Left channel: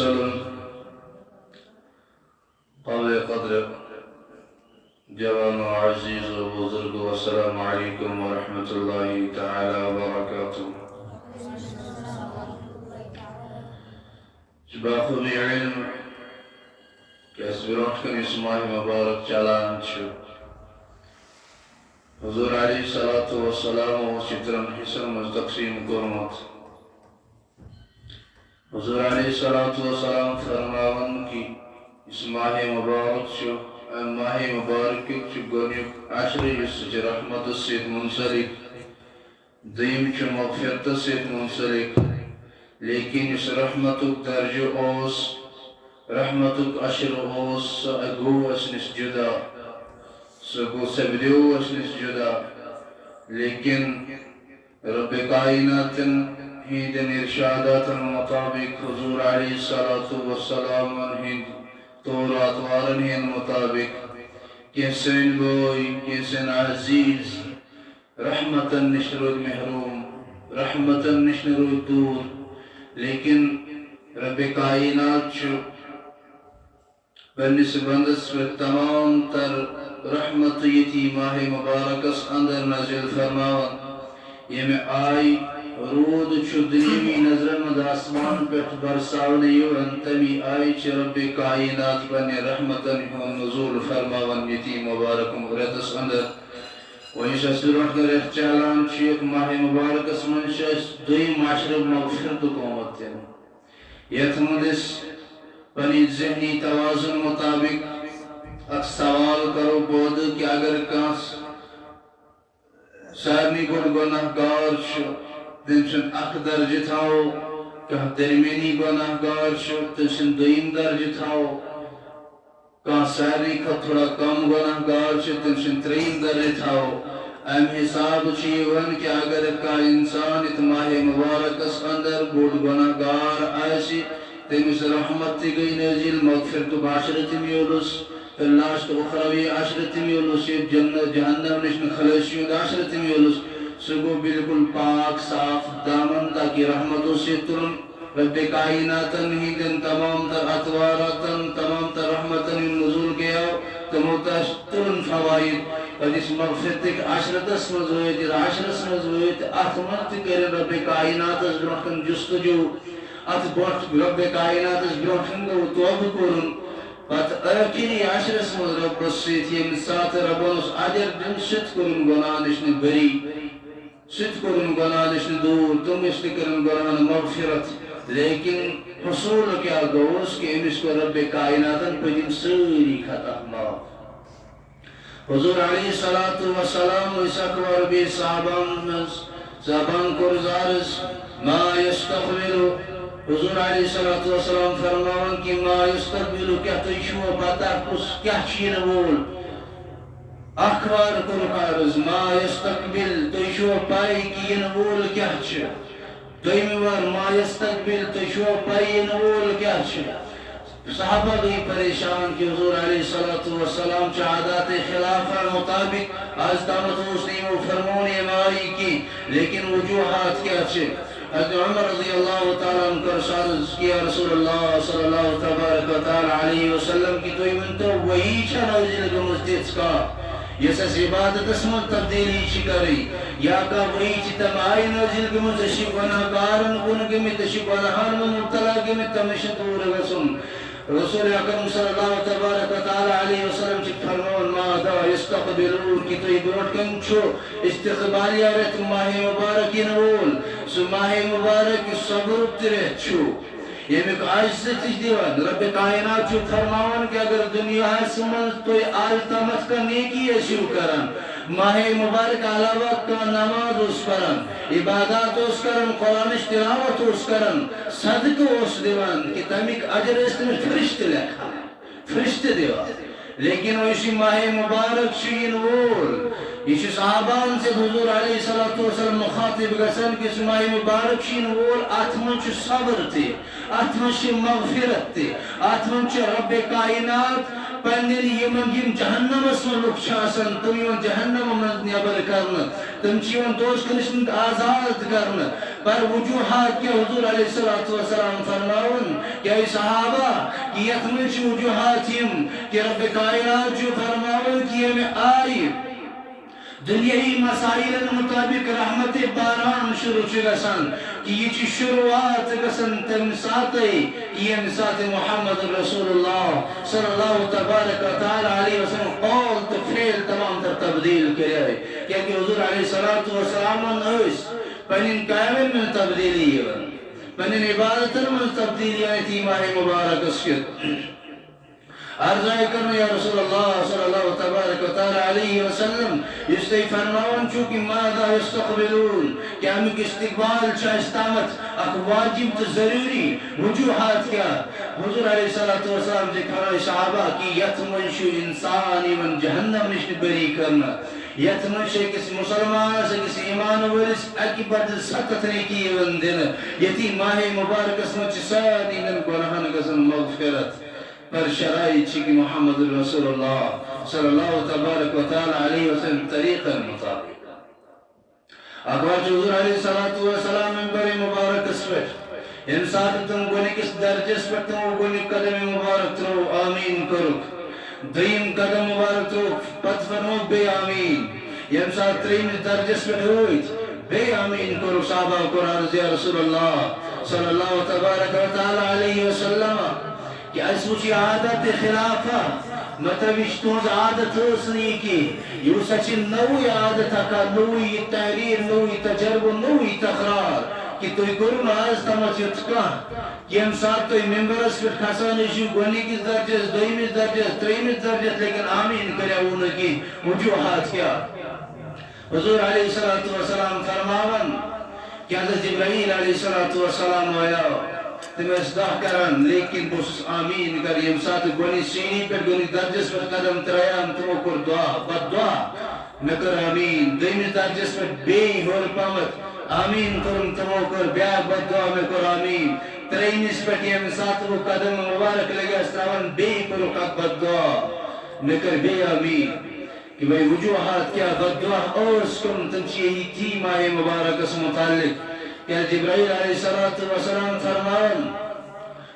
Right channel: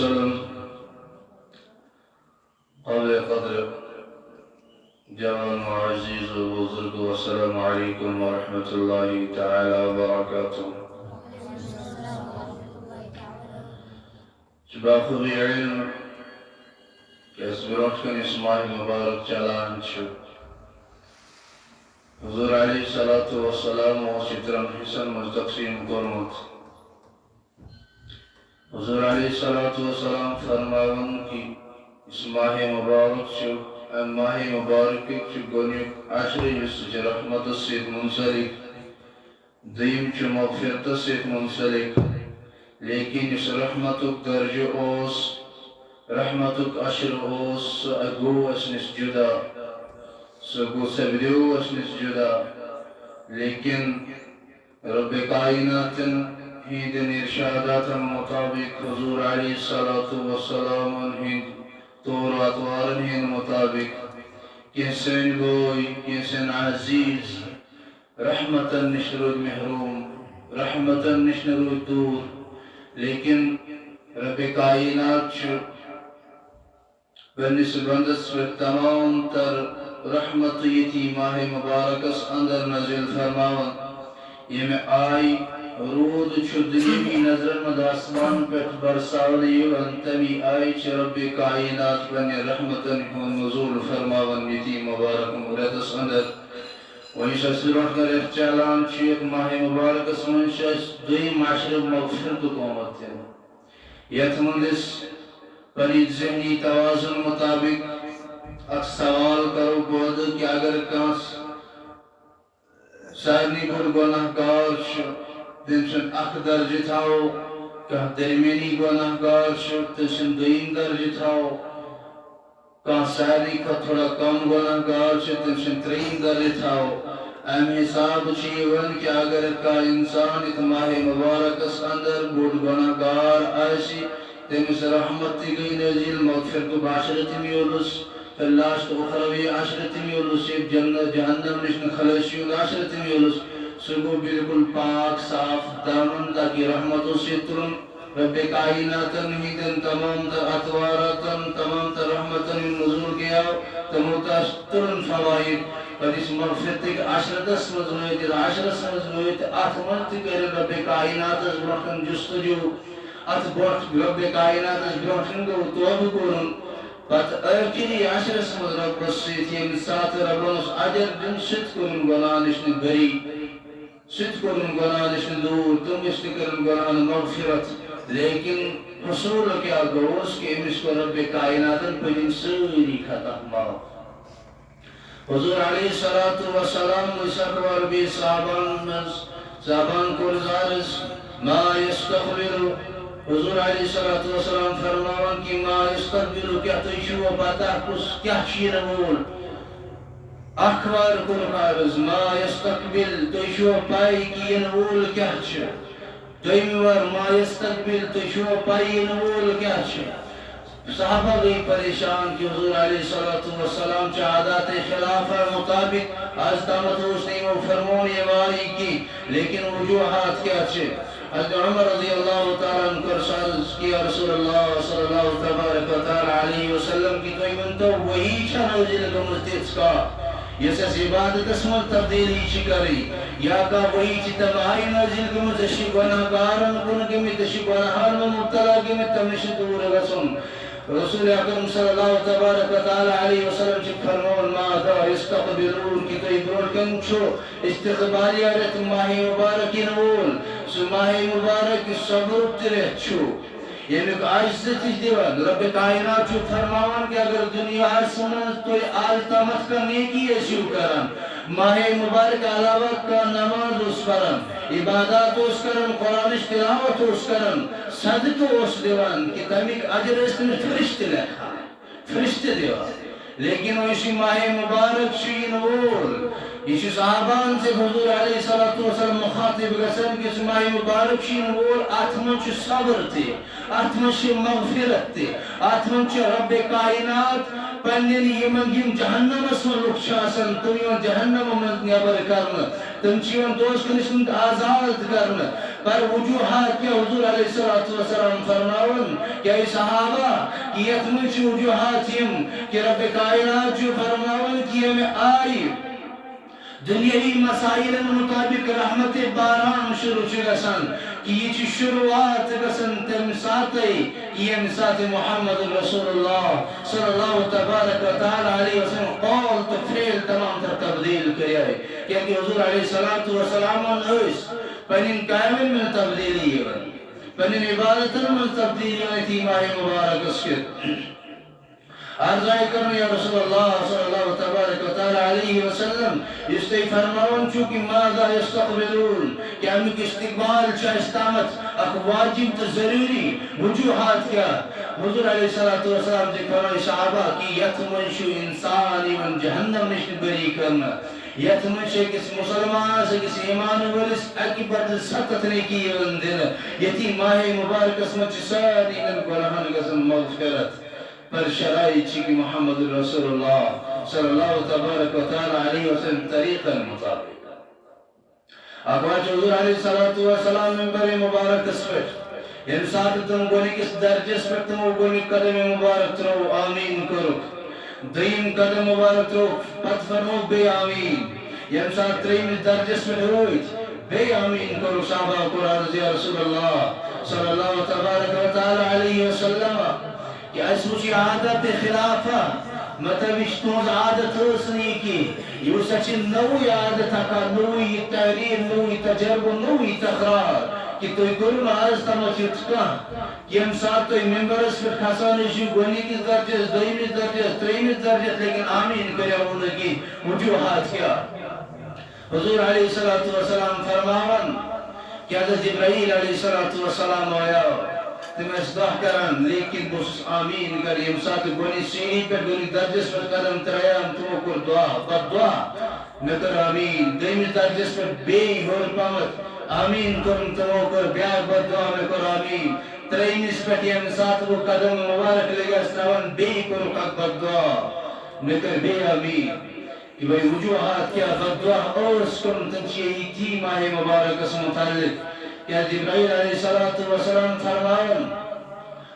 المرسل قابل قدر جوان عزيز وبزرگ والسلام عليكم ورحمة الله تعالى وبركاته. باخود علم کہ اس برونٹ کن اس ماہ مبارک چلان چھو حضور علیہ الصلاة والسلام و چترن حسن مستقسیم کرمت. حضور علیہ الصلاة والسلام فرماون کی اس ماہ مبارک چھو ام ماہ مبارک چھو گونیک عشر جس رحمت سید منسلک دیم چھو مغفرت سید منسلک لیکن اس رحمتک درجہ اوس رحمتک عشر اوس اگو اسنس جدا سگو سبدیو اسنس جدا لیکن رب کائنات ہندن ارشادات مطابق حضور علیہ السلام ہند طور اطوارن ہند مطابق کیسن گوئی کیسن عزیز رحمتن نشرود محروم رحمتن نشرود دور لیکن رب کائنات چھو بنسبندس پر تمام تر رحمت یتی ماہ مبارکس اندر نازل فرماون یہ میں آئی رود چھو دنیمی نظر مد آسمان پٹ برساونے یون تمی آئی چھ رب کائنات بنی رحمتن نزول فرماون یتی مبارک مبرتس اندر ویسا سرون کر اخچالان چیک ماہ مبارکس منشاس دوی معاشر مغفرت قومت یتمندس پنی ذہنی توازن مطابق اک سوال کرو بود کہ اگر کانس سارنی گن گناہ گار چھو تنسن اک درجہ تھاو کہ درمینی گناہ گار چھو تنسن دویم درجہ تھاو کان سارنی کا تھوڑا کم گناہ گار چھو تنسن ترین درجہ تھاو ام حساب چیون کہ اگر کا انسان اتماہ مبارکس اندر بود گناہ گار آئیسی تنس رحمت گئی نزیل مغفرت بعشرت میولس لاشت اخروی عشرت میولس جنت جہنم نشن خلصیون عشرت میولس سگو بالکل پاک صاف دامن تاکی رحمتو سے ترن رب کائناتن ہی دن تمام تر اطواراتن تمام تر رحمتن نزول کیا تموتاش ترن فوائد اور اس مغفرت ایک عشرتس مزویت عشرس مزویت اتمنت کر رب کائناتس برکن جستجو ات رب کائناتس برکن گو توب کرن بات اکری عشرس مز رب رسیت یم سات ربانس عجر دن ست کرن گنانشن بری ست کرن گنانشن دور تم اس کرن گنان مغفرت لیکن حصول کیا گوز کہ امس کو رب کائناتن پجن سری خطا معاف. حضور علیہ السلام نسکوار بی صحابان کرزارس ما یستقبلو حضور علیہ السلام فرماون کی ما یستقبلو کیا تو شو باتا کس کیا چین بول اخوار کن حارز ما یستقبل تو شو پائی کی ینوول کیا چھ دویمیوار ما یستقبل تو شو پائی ینوول کیا چھ. صحابہ بھی پریشان کہ حضور علیہ السلام چاہدات خلافہ مطابق آج تامت اس نے وہ فرمون یہ ماری کی لیکن وجوہات کیا چھے. حضرت عمر رضی اللہ تعالیٰ عنہ سالس کیا رسول اللہ صلی اللہ تبارک و تعالیٰ علیہ وسلم کی توی من تو وہی چھا نوزی لگا مستیت کا یہ سس عبادت اسمال تبدیلی چی کری یا کا وہی چی تبائی نوزی لگا مستشی گناہ کارن کنگی میں تشی گناہان میں مبتلا گی میں تمشت دور وسن. رسول اکرم صلی اللہ تبارک و تعالی علیہ وسلم چی فرمون ماذا یستقبلون کی تو ابروٹ کن چھو استقبالی آرت ماہ مبارکی نول سو ماہ مبارکی صبر ترے چھو یہ میں آج سے تیج دیوان رب کائنات چھو فرماون کہ اگر دنیا سمن تو آج تامت کا نیکی ایسیو کرن ماہ مبارک علاوہ کا نماز اس کرن عبادات اس کرن قرآن تلاوت اس کرن صدق اس دیوان کہ تمیک اجر اس نے فرشت لکھا فرشت دیوان لیکن وہ اسی ماہ مبارک شین وول یہ صحابان سے حضور علیہ السلام مخاطب گسن کہ اس ماہ مبارک شین وول آتمن چھ صبر تے آتمن چھ مغفرت تے آتمن چھ رب کائنات پنن یم جہنم اسم لوک چھاسن تم یم جہنم من نیبر کرن تم چیون دوست کنشن آزاد کرن پر وجوہات کیا حضور علیہ السلام فرماون کہ اے صحابہ کہ یتمن چھ وجوہات یم کہ رب کائنات چھ فرماون کہ ہمیں آئی دنیاوی مسائل مطابق رحمت باران شروع گژھان کہ یہ شروعات گژھان تمہ ساتے یم سات محمد رسول اللہ صلی اللہ تبارک و تعالی علیہ وسلم قول تو فعل تمام تر تبدیل کرے کہ حضور علیہ السلام اس پنن کامل من تبدیلی پنن عبادت من تبدیلی تی ماہ مبارک اس کے عرضائی کرنا یا رسول اللہ صلی اللہ تبارک و تعالی علیہ وسلم اس تے فرماؤن چونکہ ماذا یستقبلون کہ ہم کی استقبال چاہ استامت اک واجب تو ضروری وجوہات کیا حضور علیہ السلام نے کہا صحابہ کی یتمن شو انسانی من جہنم نشن بری کرنا یتمن شو کس مسلمان سے کس ایمان ورس اکی بعد سخت نیکی دن یتی ماہ مبارک اسمت ساری من گناہان گزن مغفرت پر شرائع چکی محمد رسول اللہ صلی اللہ تبارک و تعالی علیہ وسلم طریقہ مطابق اقواچ حضور علیہ السلام منبر مبارک اس پر انسان تم گونے کس درجس پر تم گونے قدم مبارک ترو آمین کرو دیم قدم مبارک ترو پت فرمو بے آمین انسان ترین درجس پر ہوئیت بے آمین کرو صحابہ قرآن یا رسول اللہ صلی اللہ تبارک و تعالی علیہ وسلم کہ اس مجھے عادت خلافہ مطلب اشتوز عادت حسنی کی یہ سچ نوی عادت کا نوی تحریر نوی تجرب نوی تقرار کہ توی کرون آز تمچت کا کہ ہم ساتھ توی ممبرس پر کھسانے شو گونی کس درجت دویمیس درجت تریمیس درجت لیکن آمین کریا ہونے کی وجوہات کیا حضور علیہ السلام فرماون کہ حضرت جبرائیل علیہ السلام آیا تم اصلاح کرن لیکن بس آمین کر یم ساتھ گونی سینی پر گونی درجس پر قدم تریام تمو کر دعا بد دعا نکر آمین دیمیس درجس پر بے ہور پامت آمین تم تمو کر بیاگ بد دعا میں کر آمین تریمیس پر یم ساتھ وہ قدم مبارک لگا استاون بے کرو حق بد دعا نکر بے آمین کہ بھئی وجوہات کیا بد دعا اور سکن تنچیہ ہی تھی ماہ مبارک اس متعلق کہ جبرائیل علیہ السلام فرمائن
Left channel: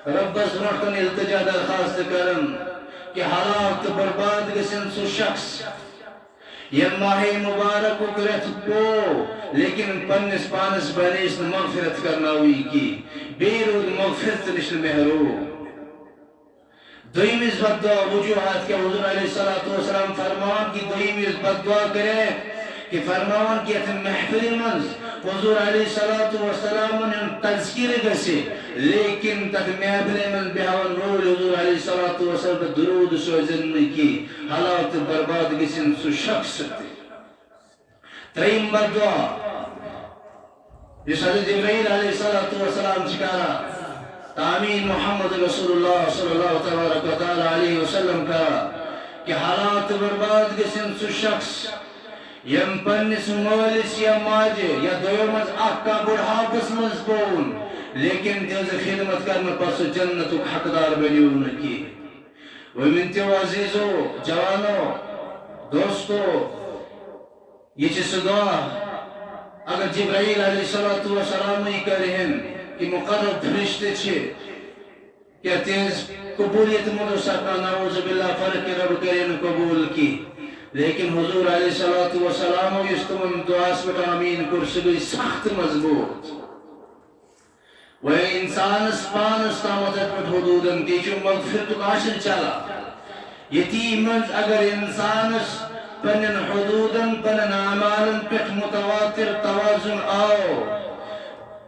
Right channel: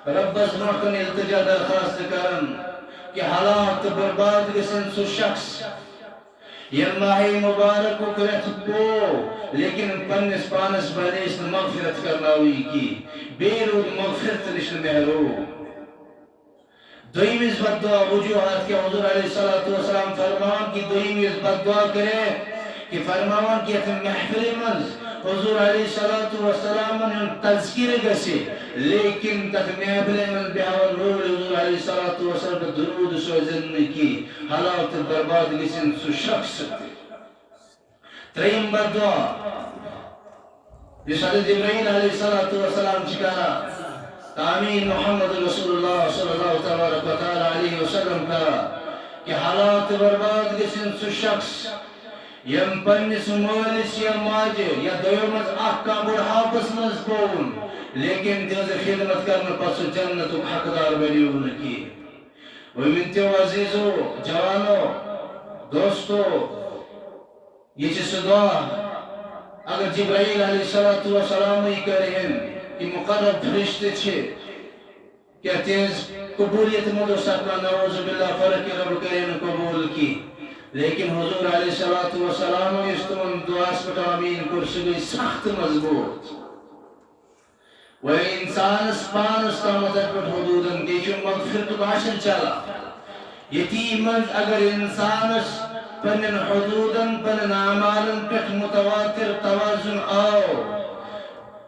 رب از مرکن التجا درخواست کرن کہ حالات برباد گسن سو شخص یہ ماہ مبارک کو کرت کو لیکن پنس پانس بنیس مغفرت کرنا ہوئی کی بیرود مغفرت نشن محرو دویمیز بد دعا وجوہات کے حضور علیہ السلام فرمان کی دویمیز بد دعا کرے کہ فرماون کہ محفل منز حضور علیہ السلام نے تذکیر گسے لیکن تک محفل منز بہاون رول حضور علیہ السلام درود سوزن کی حالات برباد گسن سو شخص ترین بد دعا جس حضرت جبرائیل علیہ السلام چکارا تامین محمد رسول اللہ صلی اللہ تبارک و تعالی علیہ وسلم کا کہ حالات برباد گسن سو شخص یم پنس مولس یا ماجے یا دویمز اکا بڑھاپس مز بون لیکن دیوز خدمت کرنا پس جنت حقدار بنیون کی ومنتیو عزیزو جوانو دوستو یہ چیز دعا اگر جبرائیل علیہ السلام نہیں کریں کہ مقرب فرشتے چھے کیا تیز قبولیت مدر سکنا نعوذ باللہ فرق رب کریں قبول کی لیکن حضور علیہ السلام اس تمام دعاس پر آمین کرسی گئی سخت مضبوط و انسان اسپانس تامدت پر حدودن تیچو مغفرت ناشن چلا یتیمنز اگر انسان پنن حدودن پنن اعمالن پر متواتر توازن آو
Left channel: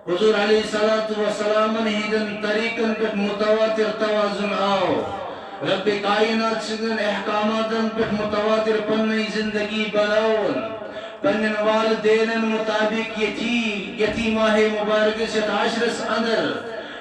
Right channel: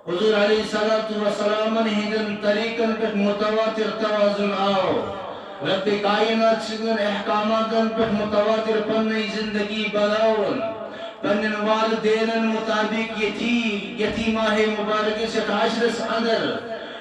حضور علیہ السلام ہندن طریقن پر متواتر توازن آو رب کائنات سدن احکاماتن پر متواتر پنی زندگی بلاون پنن والدین مطابق یتی ماہ مبارک سے 10 اندر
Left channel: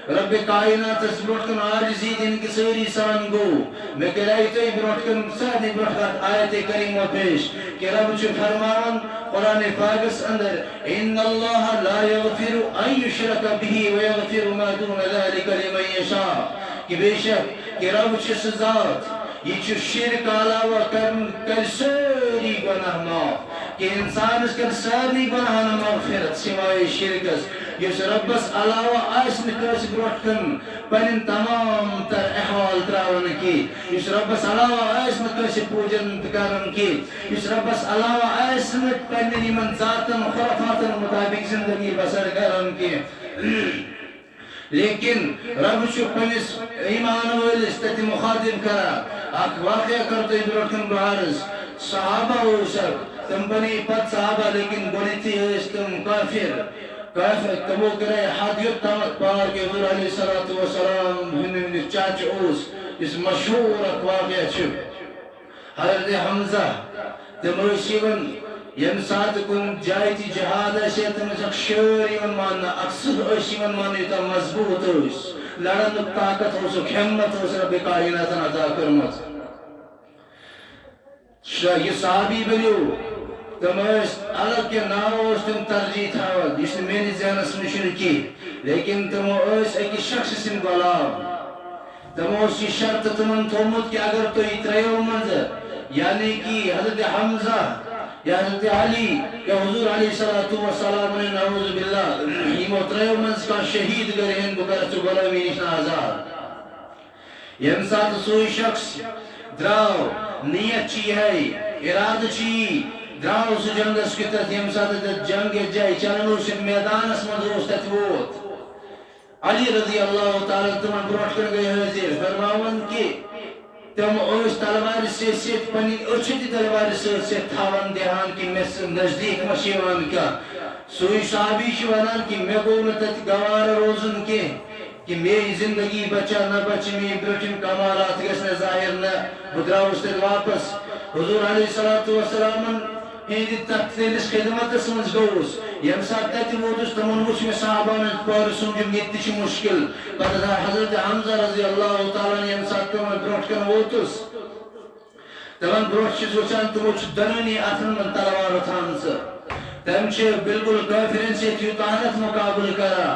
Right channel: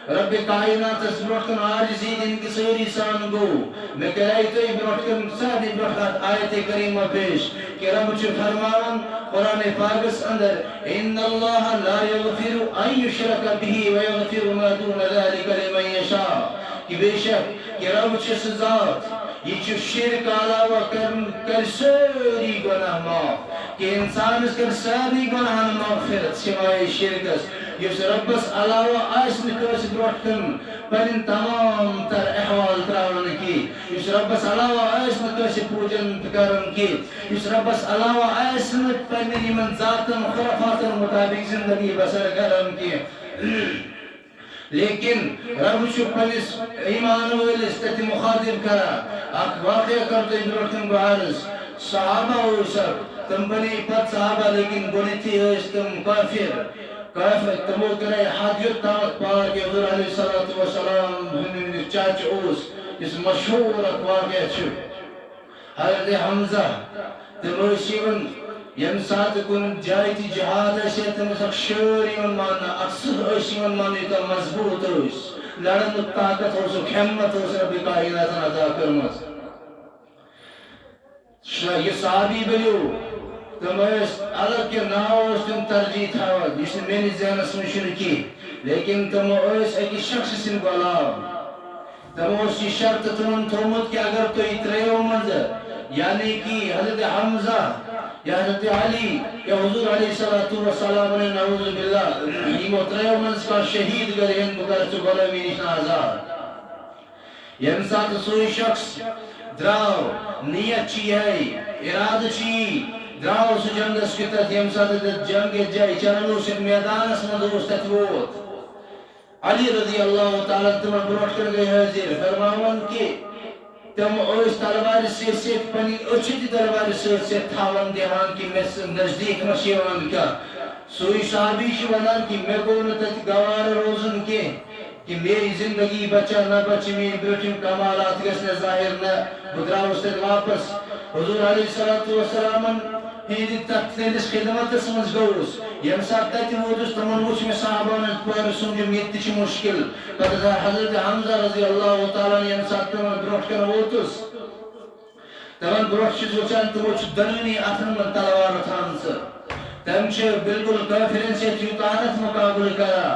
رب کائنات اس بروٹکن آجزی دن کی سوری سان گو میں کرائی تو بروٹکن سادی بروٹکن آیت کریمہ پیش کہ رب چو فرمان قرآن پاکس اندر ان اللہ لا یغفر ان یشرک بھی ویغفر ما دون ذالک لمن یشاء کہ بے شک کہ رب چس ذات یہ چو شرک علاوہ کر ساری گناہ معاف کہ انسان اس کر ساری گناہ مغفرت سوائے شرکس یس ربس علاوہ آس نس بروٹ کن پن تمام تر احوال تراون کی یس ربس علاوہ آس نس پوجن کرن کی یس ربس علاوہ آس پن یمن ذاتن خرافاتن مطابق زندگی بسر کرن کی لیکن رب پنس ایمان ولس تت مخاطب کرا اخ واقعہ کرتے برکن بعرض صحابہ تم بنی پت صحابہ لیکن گونیتی تم کافر تمو کرے حد یوت تامت پار کے حضور علیہ السلام ہن چاچ اوس اس مشہور واقعہ چھ حضرت حمزہ تم رسیون یم سات کن جائے تی جہاد سے تم سک شور یمن ماننا اکثر یمن ماننے تا مضبوط اس لڑن طاقت ہو سو ہمت ہو رب کائنات عطا کرمت یہ صحابی بلیو تم الگ کے ناو تم ترجیح تھاون یہ میری ذہنس میں کی لیکن تم ایک شخص سن غلام تم یہ شرط تمن تھومت کہ اگر تو تریو منز یعنی کہ حضرت حمزہ یا حضرت علی یا حضور علیہ السلام علیہ نعوذ باللہ یہ تریو منز کا شہید کریں بکرت غلامی نشان آزاد یم ساتھ سوئی شخص دراو نیت چی ہے اراد چی دراو سو جنگس کتت یم ساتھ جنگ جائے چننو سک میدانس مدوس تتوت علی رضی اللہ تعالیٰ تمہیں بروٹ کر گئے حضر فرماون کہ تم اس تلوار سے سیت پنی اچھتی تلوار سے سیت تھاون دیہان کی میں نزدیک مشیون کا سوئی صحابی شوانان کی میں گونتت گوار روزن کے کہ میری زندگی بچا نہ بچ میں بیٹھن کمالات گسنے ظاہر نہ بدراؤ سے واپس حضور علیہ السلام ہندی تتلس خدمت سمجھ گوس یم سات تت ووتس تمن وچ میں صحابان پر سمجھ یہ مشکل پتہ حضرت حمزہ رضی اللہ تعالیٰ یم سات تمن بروٹ کن ووتس تمن بروٹ چھ وچان تمو چھ دنونی اتھن من تلوار تھان سے تم چھ بالکل کافرن سے تیوتانت مقابل کرا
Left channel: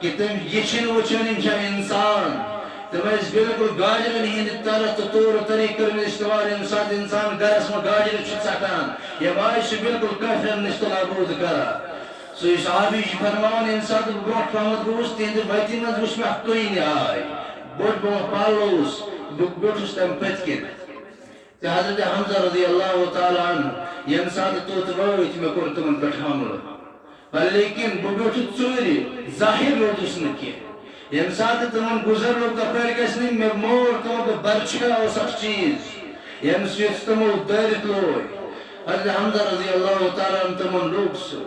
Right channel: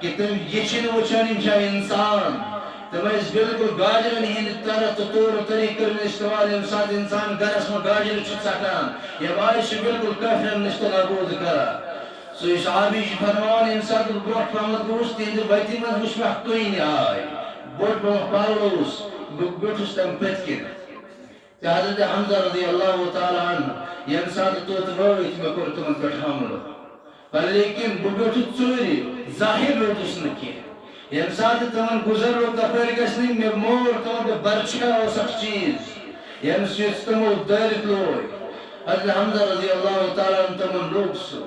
کہ تم یہ چھن وچان انسان تم اس بالکل گاجرن ہند طرف طور طریق کرنے استعمال انسان گرس میں گاجر چھ سکان یہ مائش بالکل کافرن نشتہ نابود کرا سوی صحابی فرمان انسان بروٹ پامت گوش تیند ویتی من وش میں کوئی نہیں آئی بوٹ بوٹ پالوس گوٹوس تم پتکن حضرت حمزہ رضی اللہ تعالیٰ عنہ یہ انسان توت رویت میں کرتمن پر حمل لیکن بوٹو چوری ظاہر روٹس نکی یم سات تمن گزر رو تپر گسنی میں مور تمن برچھا ہو سک چیز یم سیت تمو دارت لوئی حضرت حمزہ رضی اللہ تعالیٰ عنہ تمن لوگ سو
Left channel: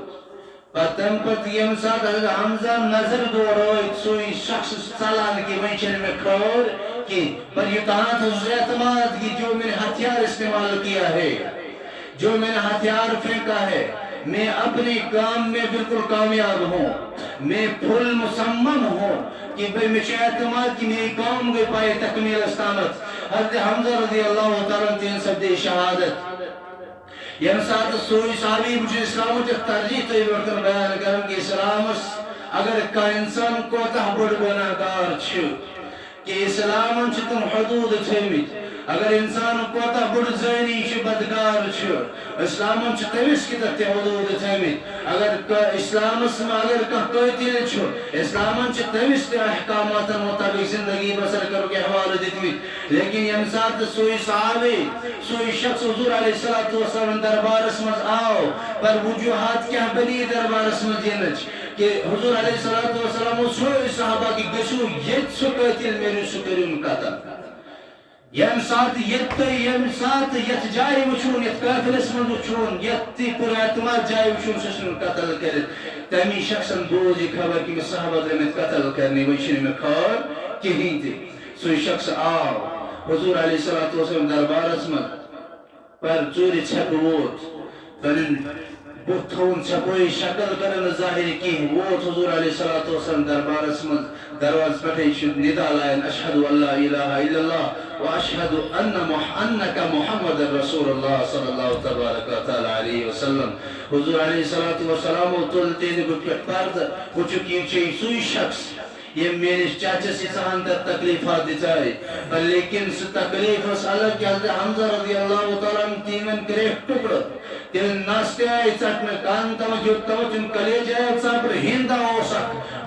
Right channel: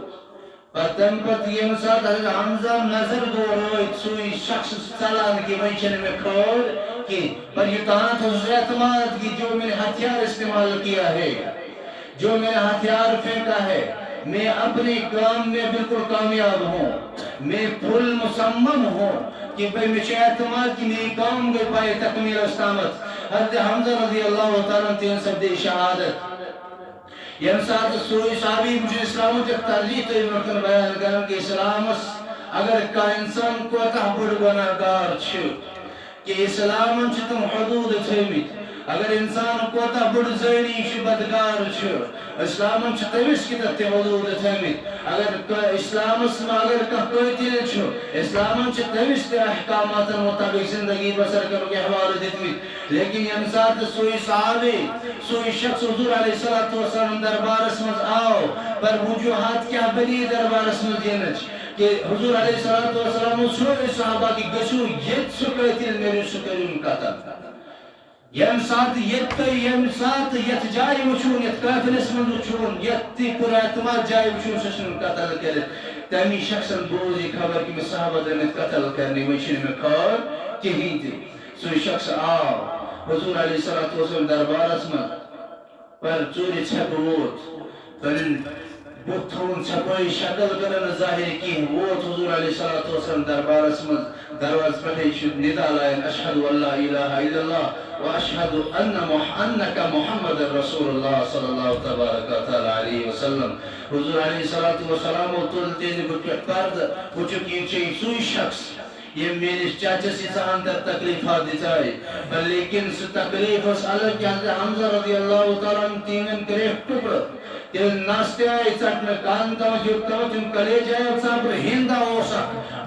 پتم پت یم سات حضرت حمزہ نظر دو روئی سوئی شخص سلان کی منشن میں کھور کی پر یہ تہاں تو اعتماد کی جو میں نے ہتھیار استعمال کیا ہے جو میں نے ہتھیار پھینکا ہے میں اپنے کام میں بالکل کامیاب ہوں میں پھل مسمم ہوں کہ بھئی مجھے اعتماد کی میری کام گئی پائے تکمیل استامت حضرت حمزہ رضی اللہ تعالیٰ تین سب دے شہادت یم ساتھ سوئی صحابی مجھے اسلامت ایک ترجیح تو یہ وقت بیان کرن کہ اسلامس اگر کا انسان کو تحبڑ گناہگار چھو کہ اسلام تم حدود تھیمت اگر انسان کوتا بڑ زینی چھ بدگار چھ اسلام چھ تمس کی تت حدود تھیمت اگر اسلامس میں اگر قاتل چھ اسلام چھ تمس احکامات مطابق زندگی بسر کرو کے حوالہ دیتمت لیکن یم ساتھ سوئی صحابی سوئی شخص حضور علیہ السلام دربارس مز آو پر وجوہات کیا بلی دربارس مز دینچ کہ حضور علیہ السلام سوئی صحابہ کی گشو یہ سو قاتل میرے سکرون قتل یم سات یت جائے وچون یت قافلس من وچون یت پر اعتماد جائے وچون سسن قتل کرت تمی شخصن بوز یہ خبر کہ میں صحابہ درمیت قتل کرنے وچن میں کھار کہیں تھی سوئی شخص آو حضور علیہ السلام دربارس من پر چوری چھپ ووت پنن بطھون چھپوئی شکل کرن ظاہر کی ووت حضور علیہ السلام دربارس من درواز پٹھے شد ندا لائن اشہدو اللہ الہ الا اللہ واشهد انك محمد رسول الله صلى الله تبارك وتعالى عليه وسلم حضور علیہ السلام تلتے نے پرد وچکی چھ سوئی شخص یہ میرے چاچا سی سان در تکلیفات دیتا ہے لیکن اس تکلیف اس الگ کہ حضرت حمزہ رضی اللہ تعالیٰ عنہ تیمن کریف ٹکڑ تم نستے آئی چٹنے کان تم کلیج آئی چپر ہندا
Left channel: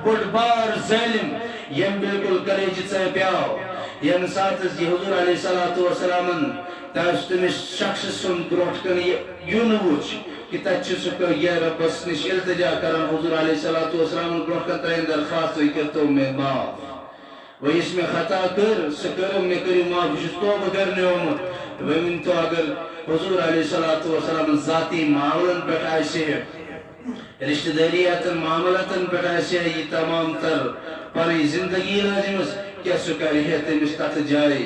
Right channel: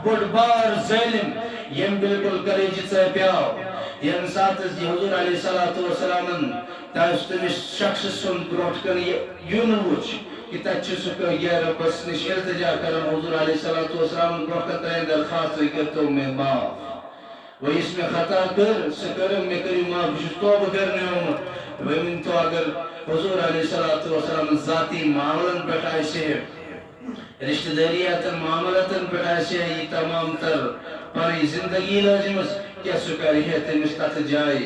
بڑ بار ظالم یم بالکل کلیج پیاو یم سات حضور علیہ السلام تمس شخص سن بروٹ کن یون وچ کہ تک سہ یہ ربس نش التجا کران حضور علیہ السلام بروٹ کن ترین درخواست کرتو میں معاف وہ اس میں خطا کر سہ کرو میں کریو معاف بہت توبہ کرنے آمت ومن تو اگر حضور علیہ السلام ذاتی معاملن پہ آئیسے رشتہ داریاتن معاملاتن پہ آئیسے یہ تمام تر پانی زندگی لازمس کیا سکاری ہے تمس تت جائے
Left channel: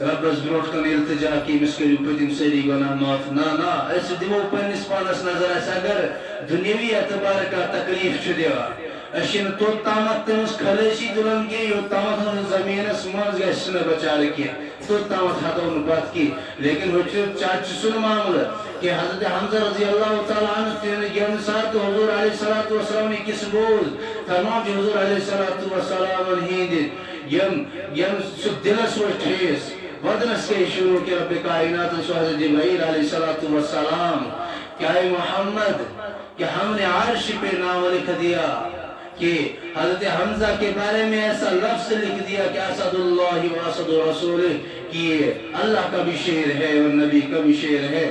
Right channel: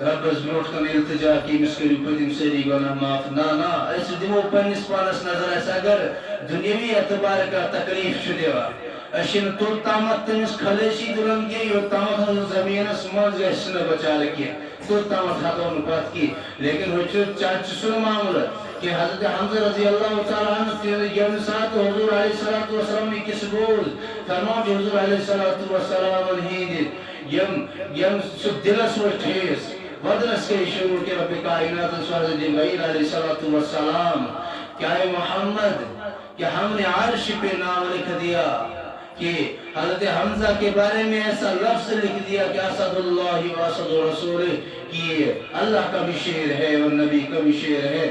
ربس بروٹ کن التجا کی مس کریو پتم سری گناہ معاف نا اس دمو پنس پانس نظر اس اگر دنیاوی اعتبار کا تکلیف چھ دیوا اشن تو تامت تمس خلیشی دلن کی یو تامت ہم زمین سمانز گئے سن بچار کی تو تامت ہاتھوں نکات کی لیکن وہ چاچ سن معاملہ کہ حضرت حمزہ رضی اللہ تعالیٰ عنہ یم ساتھ حضور علیہ السلام کس بول فرمان جو حضور علیہ السلام یم دلس و ٹھیس ودنس کے شروع کے رب کائنات سو حضرت جبرائیل علیہ السلام کیا اے محمد کہ ہم نے عرش پہ نام لکھ دیا کہ حضرت حمزہ کے بارے میں ایسا لفظ لکھ دیا کہ اسد اللہ و اسد رسول کہ اللہ کا بھی شعر ہے اور نبی کا بھی شعر ہے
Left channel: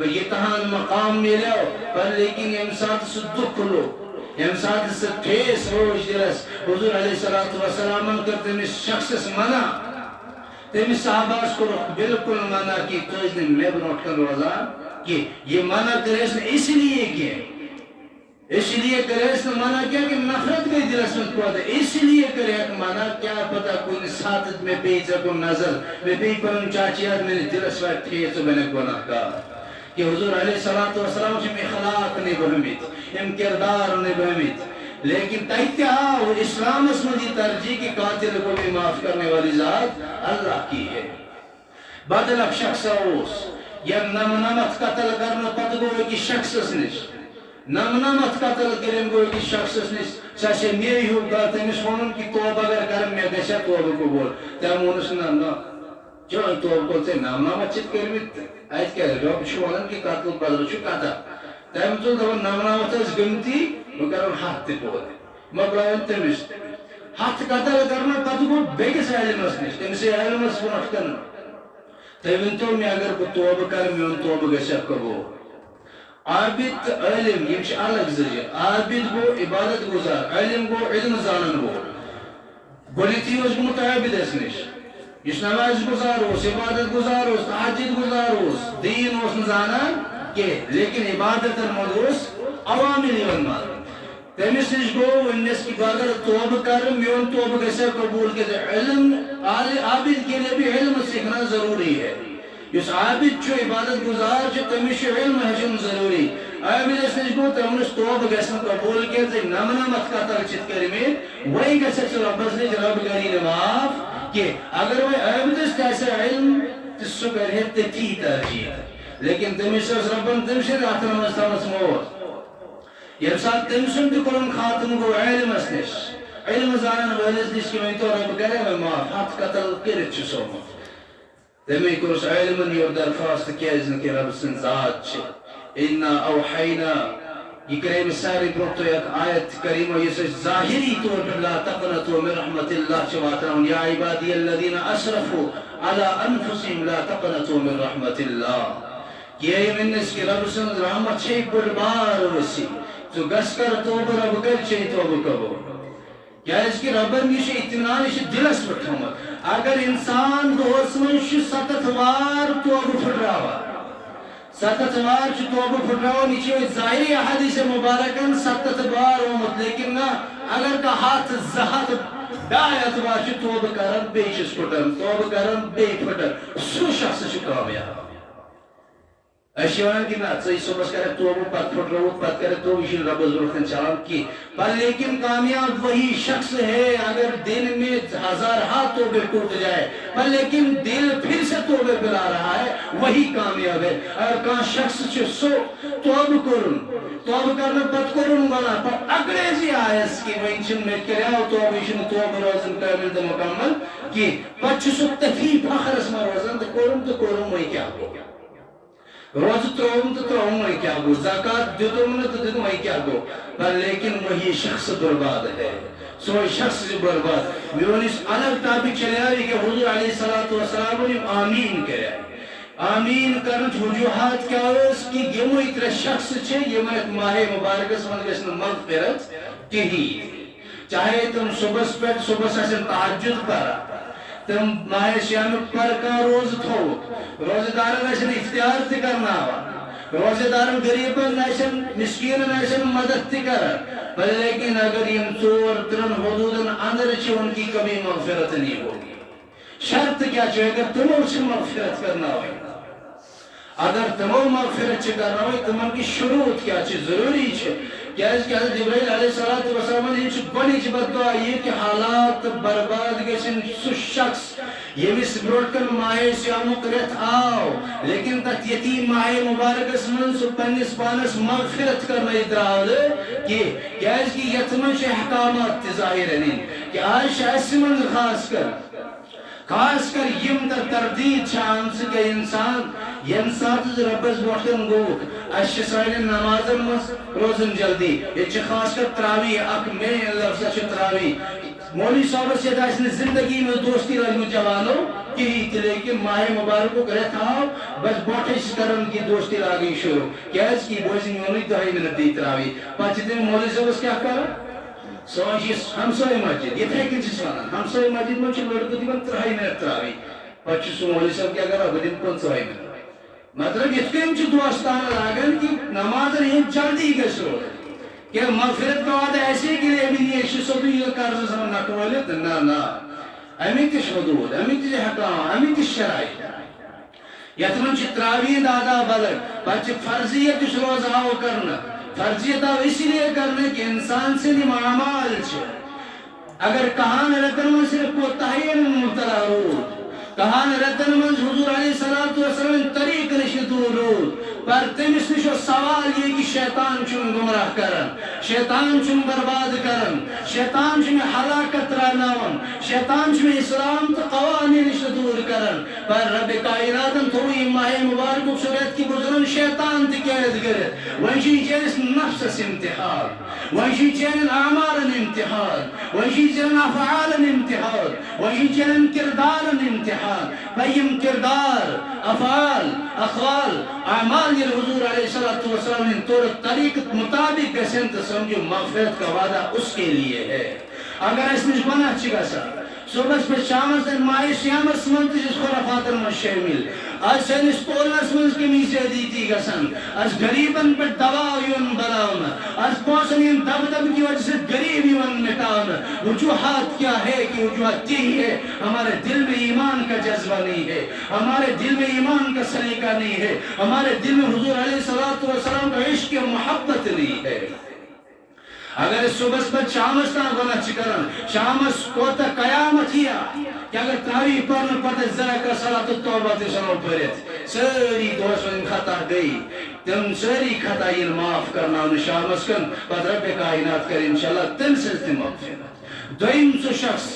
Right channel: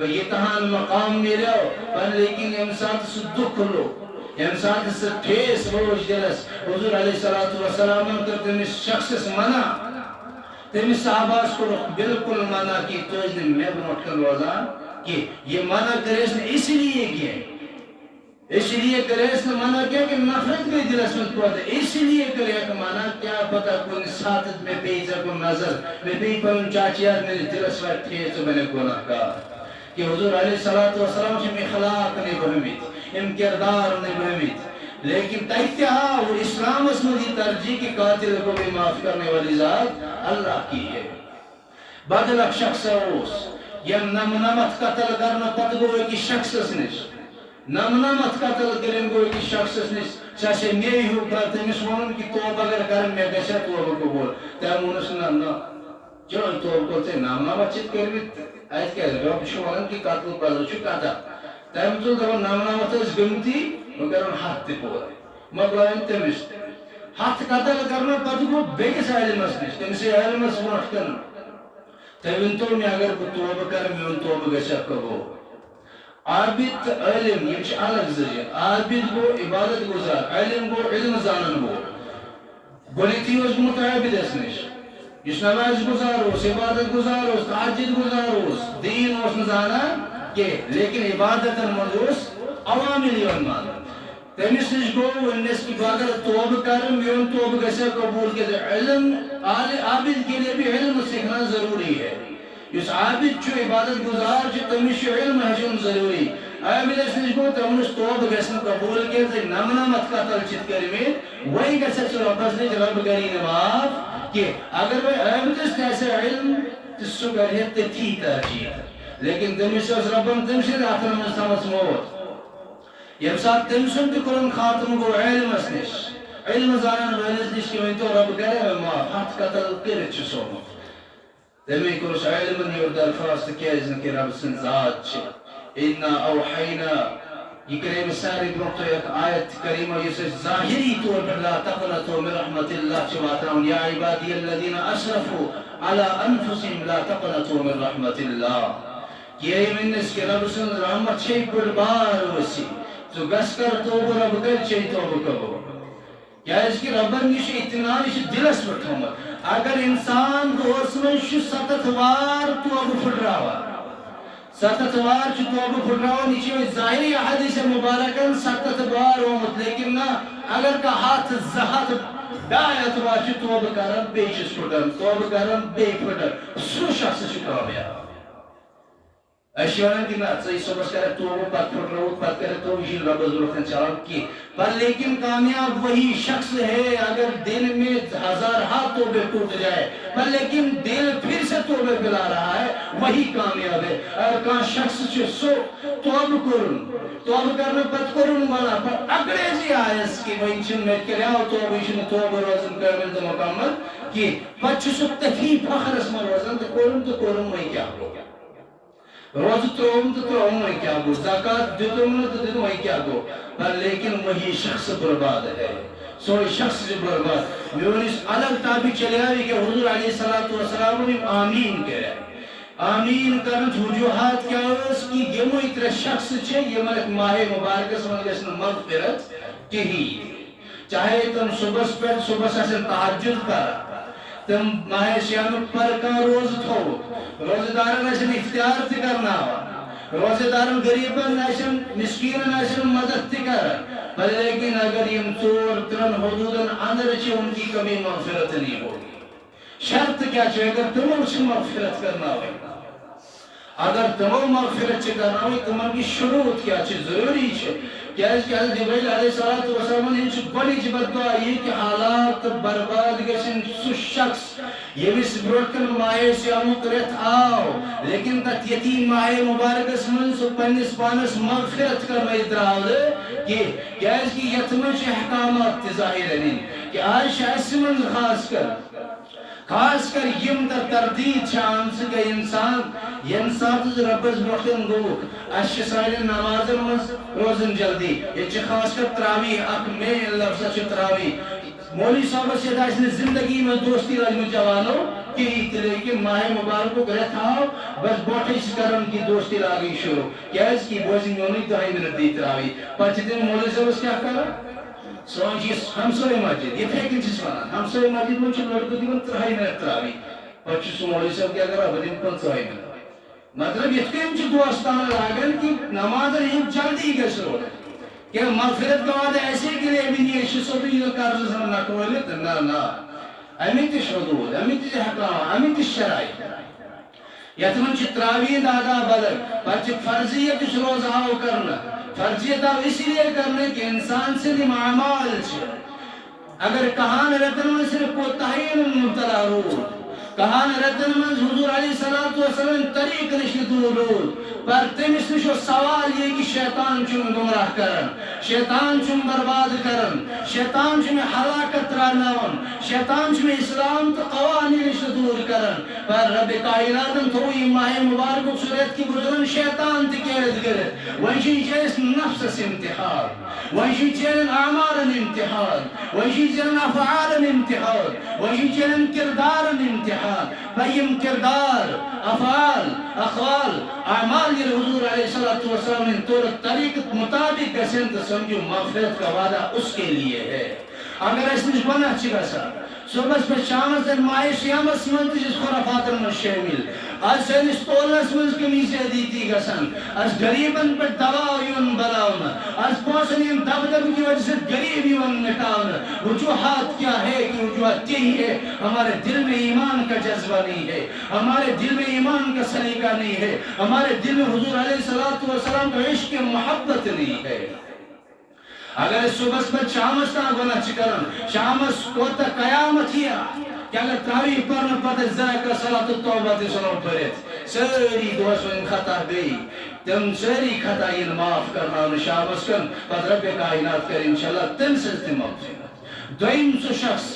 یہ تہان مقام میرے ہو پر لیکن امساد سے دکھ لو امساد سے ٹھیس روش دلس حضور علیہ السلام کرتے ہیں شخص سے منع تیمی صحاباز کو بالکل منع کی تو اس نے میں بنوٹ کر روزان کہ یہ منع کرے اس نے اس لیے کیا اس لیے کرے اس نے منع کیا کہ نفرت گئی دلس میں پڑھا ہے اس لیے کرے کہ منع کیا پتا کون ساتھ میں پیچھا کو نظر میں بھی پر ان چاچیات میں نے دلس وقت تھے تو میں نے گناہ کہا کہ حضور علیہ السلام سے اخلاق نے بہمیت ام کردار نے بہمیت لیکن تیتہا وہ اسلام اس میں دی ترجیح کی قاتل کو بھی معاف کرنے والی ذات اللہ کی ہے بدلک شخص اوس یم نمنامت قتل کرنا پت گوئے کی شخص اس نش نمنامت قتل کرن گوئے کی شخص اس نش چاچے میری ہو کر تیمس ونن کی توب اگر کرم میں گشا توب کو بول تیمونس نا جو توب کو تے نمنامت چت کرمیت ایت کیا ہے رب شوانن کی قتل پدر چھو کتا تیم تو دو نمنامت اس گمتی مکرم ہاتھ تے بول مقلائن تیمس ہاتھ قتل کرنا پت گو بیگس علم اس نش تیمسی علم اس ونٹ کرنا تیمن تو میں اگر کو توب کرم میں ان توب گشا کو عابد علم یہ چھ الگ ذریعہ عابد گو عبادت گزار علم گو علم زانن گو گونیتی اس متعابد اس نش اس نماز گزار اس عبادت گزار اس تحجد گزار اس دین اس زانن کہ لیکن عبادت المدوس عوامل یون مان تیمیس نش گو انس کی عبادت توب کرم میون توب گسے قبول کے علم عابد کے لیے بھی علم سیکھنا ضروری ہے اس عابد چھو عبادت گزار چھو تمیش علم حجم ضروری عابد اس نش گو تمنس توب گسن قبول کے تے نمنا مت قتل چت کرمی وہی گسے چھ رب نے رب کرین معاف کہ اگر وہ عابد اس ایسے علم تسو کرے تے تھی ترجیح لیکن تمیش اس ربن تمش راتن مستمس موت یہ ساتھ تمسن تے قرآن خاتم گو علم اس نش علم زانن ویلس نش کہ تو رب کرے معاف ہاتھ قتل کرے چھ سو تمی کوش علم یور درخواست کیزن کہ رب سن ذات چھ انا اوحینا یہ کریم ساری بروتو یک آیت کریمہ یہ سے ظاہری طور پر لا تقنطوا من رحمت اللہ چواتاؤں یا عبادی الذین اسرفوا على انفسهم لا تقنطوا من رحمت اللہ یہ منس کہ رب سن رحمت چھے پر بار وسی تو گس کر توب رب کر چھے توب کبو کیا اس کی ربن یہ اطمینان یہ دلس پر تھومت اگر انسان دوس میں ستت وار توب پھٹراوا ستت وار چھ توب پھٹراوا نیچے ظاہری حدیث مبارکن ستت وار ہومت لیکن نا اگر کا ہاتھ زہت دایت وار چھ توب کرن بے چس پھٹرن توب کرن بے پھٹر سو شخص چھ کامیاب اشیانن کی نا صحیح صبح کرے توبہ پت پھٹ رہو پت کرے تو اسی رب ضرورت چلان کی پر لیکن کامیاب وہی شخص ہے اگر دن میں ہزار ہاتھ توبے ٹوٹ جائے پر لیکن دل پھر سے توبے پلا رہا ہے وہی کامیاب ہے اگر کان شخص چھے سو توب کرنا پت کرن والا پر اگریزی آئیس کی وہ انچن میں کرے آو توب انچن توب روزن کامل تو مکمل کی پر چھے سو تفی فخر اسم روزن تو کرن وہی کیا ہو روز تروم تو تروم وہی کیا گو، زکاة دیتم نہ تو دیتم وہی کیا گو، پر لیکن وہی شخص برباد ہے، سوئی شخص برباد. میونس الگ ٹاپک چلے آئی کہ حضور علیہ السلام نے آمین کرے. آمین کرنچ وجوہات کیا اس کی یمو اتر شخص چھے یمو ماہ مبارک سمجھ گسن مغفرت کہی. چاہے تم صبح سے تحجد پر تم ماہ شیام پر کا روز تھو، روزدارن ایسن اختیار تی کرنا ہوا، روزدارن غریبن ایسن مسکینن ایسن مدد تی کر. بل لیکن اگر یم چور ترن حدودن اندر چھے ان کی کبھی مغفرت نہیں ہوگی. شرط کیا چھے اگر تمہیں اسے مغفرت کرنا ہوئی، اگر تمہیں مغفرت چھے کرنا ہوئی تمہیں کی شروط کیا چھے ضروری چھے. کیا اس کہ حضرت جبرائیل علیہ السلام نے چھے بڑی چھ بدعا یہ کہ حالات برباد گشن سو شخص یمس بروٹ کن ماہ سیامو کرت آو لیکن تت یتیم ماہ مبارک اسمن سو پنس پانس مغفرت کرنا ادراو دے کہ کیا اس کی یتمن چھ احکامات ظاہر ہیں کہ آج شاید من خاص کر یم در تردید چھان سکے انسان ینسات ربز بوٹن گو اشی سائل نمازن مز روزن جلدی یہ چھ خاص کر تراوی اک میں لفظ چھ تراوی مولی صاحب سے داشن زندگی میں دوستی راجم جوانو یہی تلے کہ ماہ مبارک کو کرے تھا بس بوٹے اس کرن کی دوستی لاغی شروع کیا اس کی بوزی مولی دہائی منت دی تراوی پاچتے ہیں مولی صاحب کیا کرا سوانچی ہمسوئی مسجد یہ تھے کنچی سوانا ہمسوئی مسجد میں چھو لڑکو دیگن ترہائی منت تراوی پچھو سو مولی صاحب کیا کرا بدن 5 منت مطلب یہ کنچی دوستان لاغن کی نماز رہی جلدی گس رو کہ مغفرت کا وعدہ ایسے کہ ابن یہ شسو بھی یہ کارز سمجھ نکولیت نا امیت شدود امیت حکام امیت شرائی یتمن چھ تراوی دادا بدل پچھ فرضیت اس روز آو کرنا فرضیت آو اسی لئے کرنا کہ انسان سے لئے معامال چھے اگر کہان رتن من صرف کوتاہین مبتلا رو کہان رتن من حضور علیہ السلام طریق نشدور رو پر تمس نشو سوال یہ کہ شیطان چون گمراہ کرن شیطان چون برباد کرن شیطان چون حلاکت راناون شیطان چون اسلام تو قوانین دور کرن پر رب کائناتن توی ماہ مبارک صورت کی بزرن شیطان تکیرد گرد ونشی چیس نفس امتحان ونشی چین اعمال امتحان ونشی چین افعال امتحان ونشی چین کردار امتحان بیم کردار افعال اخوال اعمال یہ حضور علیہ السلام ان طور طریق مطابق گسن تو سمجھو مغفرت کا وعدہ اس کے لیے ہے. اگر اس نش بنا چگا سا صبح پر شام سے ماہ سیامس من جس خرافات من شامل آج سنس تولنس من کی میسے دیتی گسن آج غریبن پر دوا یون بلاؤنا آج پونسن دب کی وجہ سے غریب یون مٹاؤنا. وجوہات کیا ہے کہ وجوہات یہی ہے ہمارے دل میں ایمان کا جذبہ نہیں ہے ہمارے دل میں ایمان کا سلیقہ نہیں ہے ہمارے دل میں حضور علیہ السلام کا عشق محبت نہیں ہے. اگر صبح پر شامس تاں گناہ چکرن شامس کوتا قیامت ہیا کہ اگر تراویح پرن پتہ ذرا کا صلاة التوبہ تسنو پرت ساری دوستوں خطا گئی تم ساری خطا یہ معاف کرنا انہیں شامس کن پتہ رب کائنات کر انشاءاللہ تم سلسل مغفرت. دویم سو شخص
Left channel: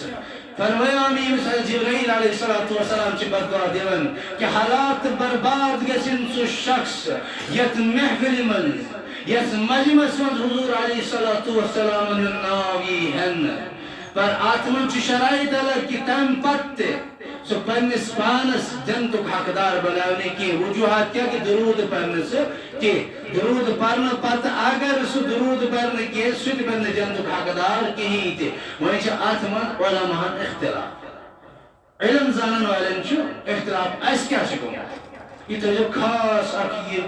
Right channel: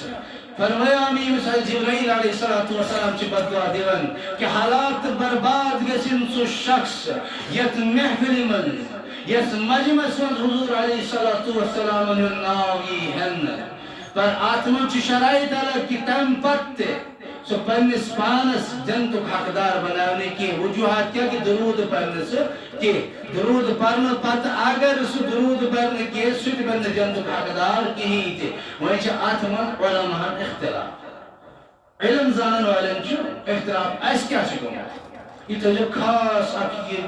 فرمایا ہمیں مثال جبرائیل علیہ السلام چی بدعا دیون کہ حالات برباد گسن سو شخص یت محفل من یت مجمس من حضور علیہ السلام ناوی ہن پر آتمن چی شرائط الگ کی تم پت سو پنس پانس جنتک حقدار بناونے کی وجوہات کیا کہ درود پرنے سے کہ درود پرنے پت اگر سو درود پرنے کی سوچ بند جنتک حقدار کی ہی تھے وہیں چا آتمن علماء اختلاف علم زانن والن چو اختلاف ایس کیا شکو یہ تو جو خاص آکی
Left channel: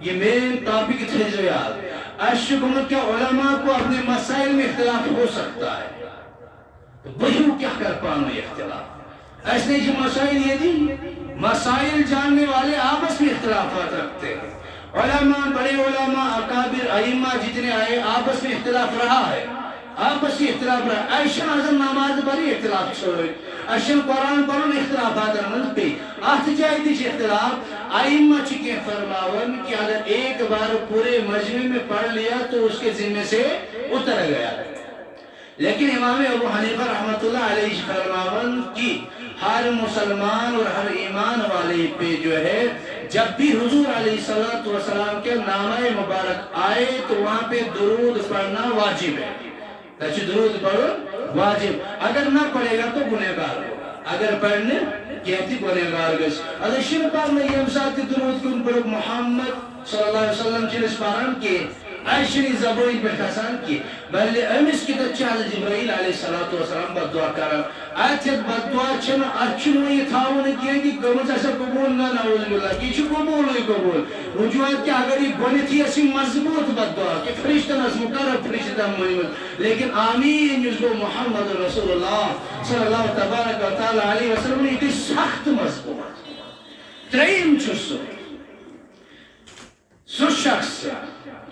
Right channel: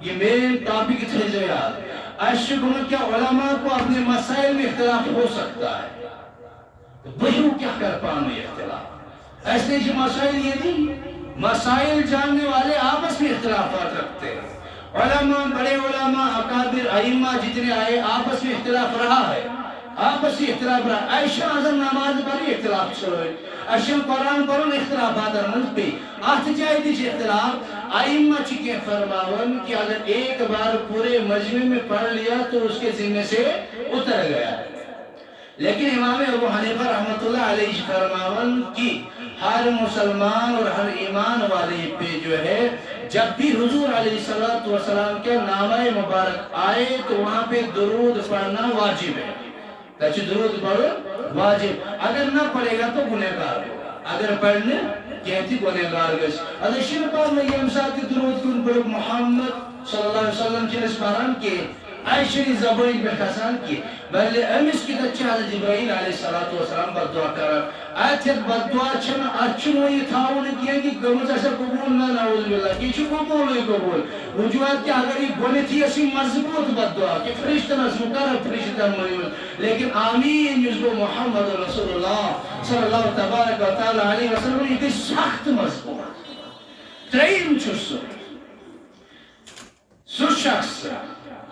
یہ مین ٹاپک تھے جو یاد ایس شکو کیا علماء کو اپنے مسائل میں اختلاف ہو سکتا ہے وہیوں کیا کر پانے اختلاف ایسے جو مسائل یہ دی مسائل جاننے والے آپس میں اختلافات رکھتے ہیں علماء بڑے علماء اکابر ائمہ جتنے آئے آپس میں اختلاف رہا ہے آپس میں اختلاف رہا ہے عائشہ اعظم نماز پڑھی اختلاف چھوڑے اشم قرآن پڑھن اختلافات رمز پہ آت جائے دیش اختلاف ائمہ چکے فرماون کہ اگر ایک بار پورے مجمع میں پڑھ لیا تو اس کے ذمہ سے اتر گیا ہے لیکن امام ابو حنیفہ رحمۃ اللہ علیہ فرماون کی ہر مسلمان اور ہر ایمان والے پہ جو ہے جب بھی حضور علیہ السلام کے نامہ مبارک آئے تو وہاں پہ درود پڑھنا واجب ہے. درود پڑھو واجب، اگر نہ پڑھے گا تو گنہگار ہوگا، اگر پڑھنے کہتی گنہگار گس. اگر شر پڑھنے یم ساتھ درود کیوں پڑھو محمد صلی اللہ علیہ وسلم چیز پڑھن کے عائشنی زبان پہ کھسان کی بلے امس کی تچہ حضرت جبرائیل علیہ السلام بدعا کران آیت بدعا چھنا اچھنو یہ تھاون کیا کہ گمز ایسا قبول نہ نعوذ باللہ کی چھو قبول ہوئی قبول وجوہات کہ اگر یہ گونی تھی اسی مضبوط بدعا کہ فرشتن از مقرر فرشتن محمد لیکن آمین جزگو محمد رسول اللہ صلی اللہ تبارک و تعالی علیہ وسلم یہ سخت مضبوط ترین چھو سو شخص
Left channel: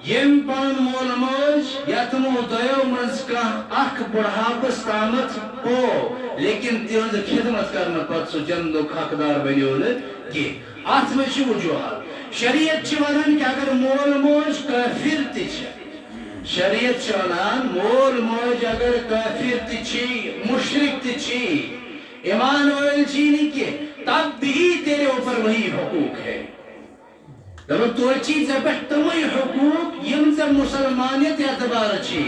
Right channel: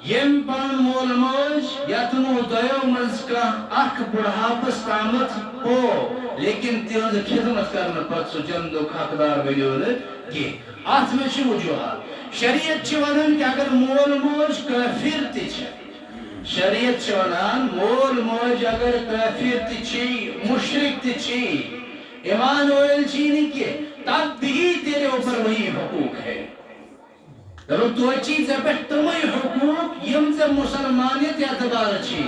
یم پن مول موج یتمو دیو مز کا اخ بڑھاپس تامت ہو لیکن تیوز خدمت کرنا پت سو جندو حقدار بنیون کی آت میں چھ وجوہات شریعت چھ ونان کہ اگر مول موج کافر تچ شریعت چھ ونان مول موج اگر کافر تچی مشرک تچی ایمان ویل چینی کے تب بھی تیرے اوپر وہی حقوق ہے. تو چیز پہ تمہیں حقوق یم سے مسلمانیت اعتبار چھی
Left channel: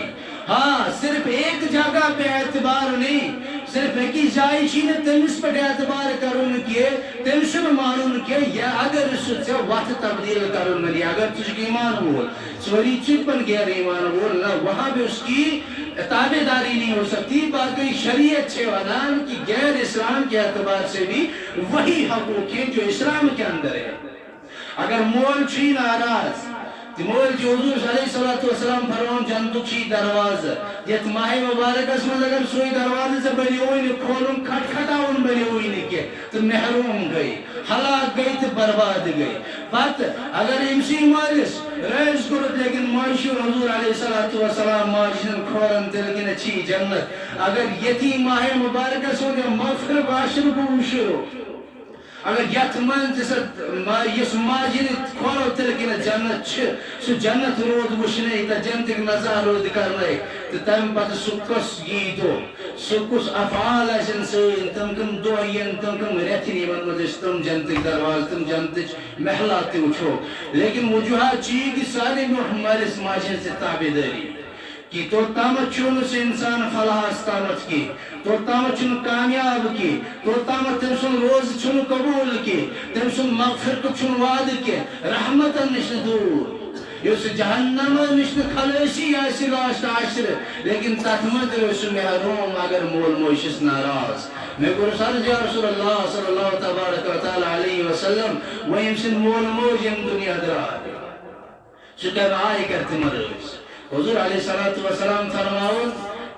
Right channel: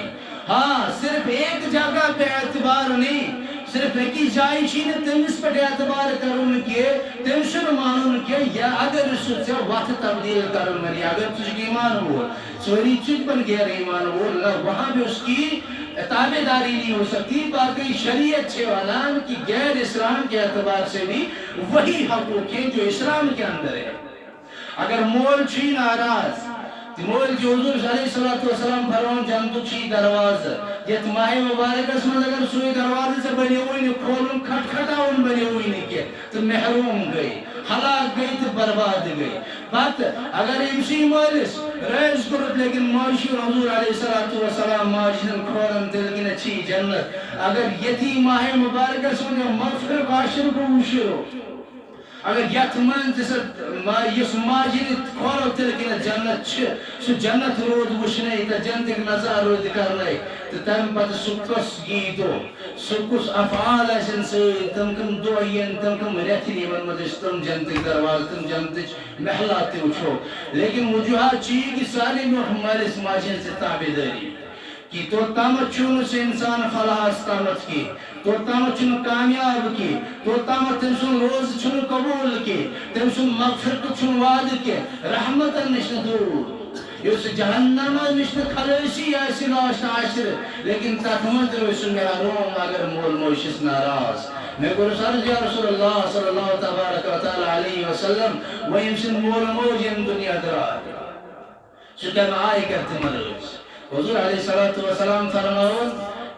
ہاں صرف ایک جگہ پہ اعتبار نہیں صرف ایک ہی جائی چھی نے تمس پہ اعتبار کرن کیے تمسن مانن کیے یا اگر اس سے وقت تبدیل کرن ملی اگر تجھ ایمان ہو سوری چیز بن گیا ایمان ہو نہ وہاں بھی اس کی تابعداری نہیں ہو سکتی. باقی شریعت چھے والان کی غیر اسلام کے اعتبار سے بھی وہی حقوق ہیں جو اسلام کے اندر ہے. اگر مول چھی ناراض مول جو حضور علیہ السلام فرمان جنتو چھی دروازہ یت ماہ مبارک اسمن اگر سوئی دروازے سے بنی ہوئی نہیں کھولن کھٹ کھٹاؤن بنی ہوئی نہیں کہ تو محروم گئی ہلاک گئی تو برباد گئی. بات اگر امسی مالس ریز کرت لیکن معاشی حضور علیہ السلام معاشن کھولن دلکن چھی جنت اگر یتی ماہ مبارک اسمن مغفر باشر کو مشرو اگر یت من یس ماجد کھولو تلکن جنت چھ سو جنت رود وشنے تا جنت نظار رود کرنے تو تم پت سکس گیتو سکس افعال ایسن سین تم کم دعین تم کم ریتنی من مدش تم جنت درواز تم جنت محلات وچھو لیکن وجوہات چیئے کہ سارے محمد اس ماجد سے تابداری کی تو تامت چون سے انسان فلاح استامت کی تو تامت چون کامیاب کی تو تامت تمسن روز چون قبول کی تمسن مغفرت چون وعد کی رحمتا نشن دور یس جہنم نشن خلصی ایسی راشت عشر لیکن تاتمت روز محروم اگر مول موشس ناراض. میں قرص عرض یا رسول اللہ صلی اللہ تبارک و تعالی علیہ وسلم ویمسن مول موج یم دنیا درار سکم آئی کرتی مروز حضور علیہ السلام فرماؤن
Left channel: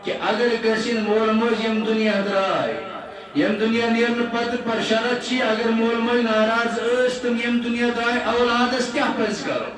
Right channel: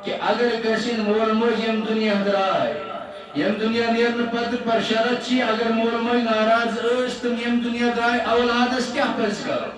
کہ اگر کسی مول موج یم دنیا درائے یم دنیا نیرن پتر پر شرط چی اگر مول موج ناراض اس تم یم دنیا درائے اولادس کیا پس کرو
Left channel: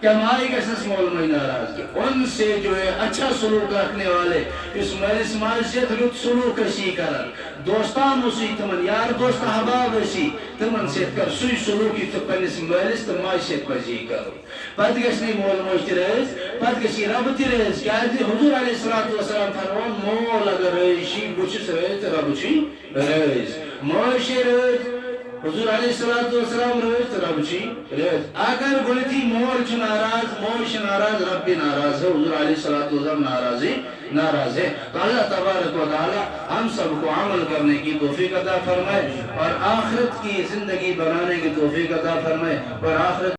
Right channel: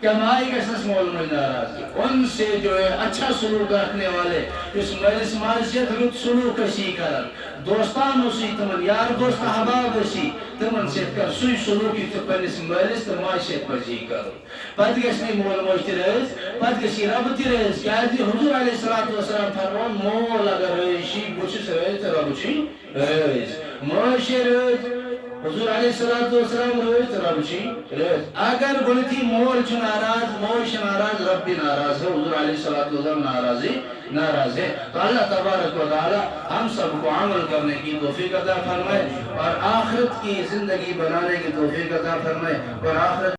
کیا مائی کسنس مول موج ناراض کی ان سے جو ہے اچھا سلوک رکھنے والے اس مجلس معاشیت رت سلوک اسی کرن دوستان اسی تمن یار دوست احباب اسی تمن سیت کر سوی سلوکی تو پنس مجلس تو معاشیت پزی کرو پت گشنی مول موج تی رہز پت گشی رب تی رہز کیا دی حضور علیہ السلام فرمان مول اگر رہشی بچس رہز تو رب چی رہز معاشی رہز حضور علیہ السلام روز رب چی روز اگر گلتی مول چھ ناراض مول چھ ناراض رب بھی ناراض ہے حضور علیہ السلام ناراض ہے. تو اللہ تبارک و تعالی ہم سب کو عمل کرنے کی توفیق عطا فرمائے اور آخرت کی زندگی بنانے کی توفیق عطا فرمائے اور آخرت